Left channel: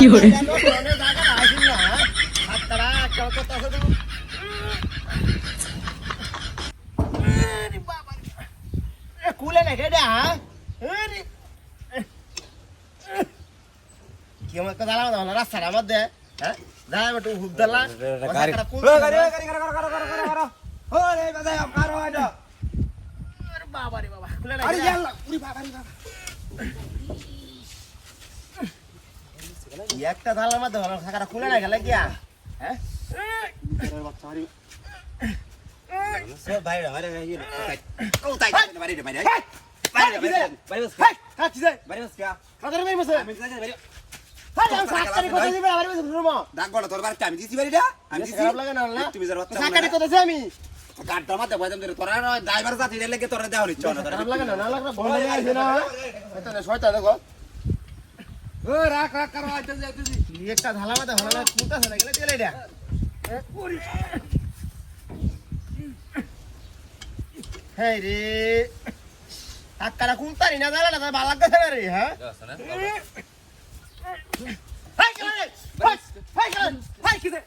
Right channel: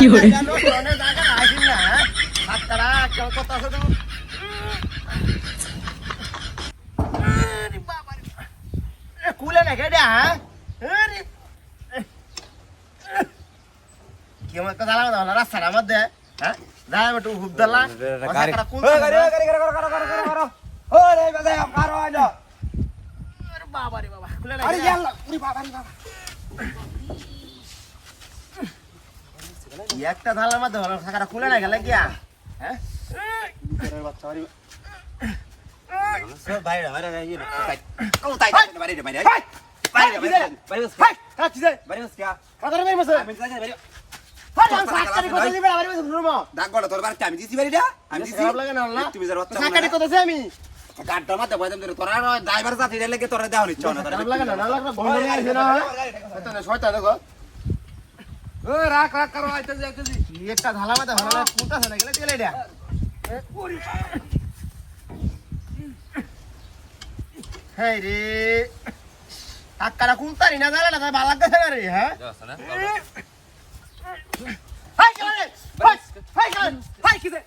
কি করে কুলে না কেডা কেমন কথা লাগা না রাস্তার মধ্যে হ্যাঁ দাঁড়া একটু হুব দলা বাবা রে বাবা কুলে না একটা ধালার মধ্যে থাকাটা কুলে না গেলে গিয়া হ্যাঁ একটা ধালা মধ্যে হলা কুলতাছে না গেলে চলে এটা হ্যাঁ রে টাকাটা কুলতারি না জানা না তাই ভালো লাগতেছে না রে হ্যাঁ হাই কেন রে হাই কেন হাই কিসে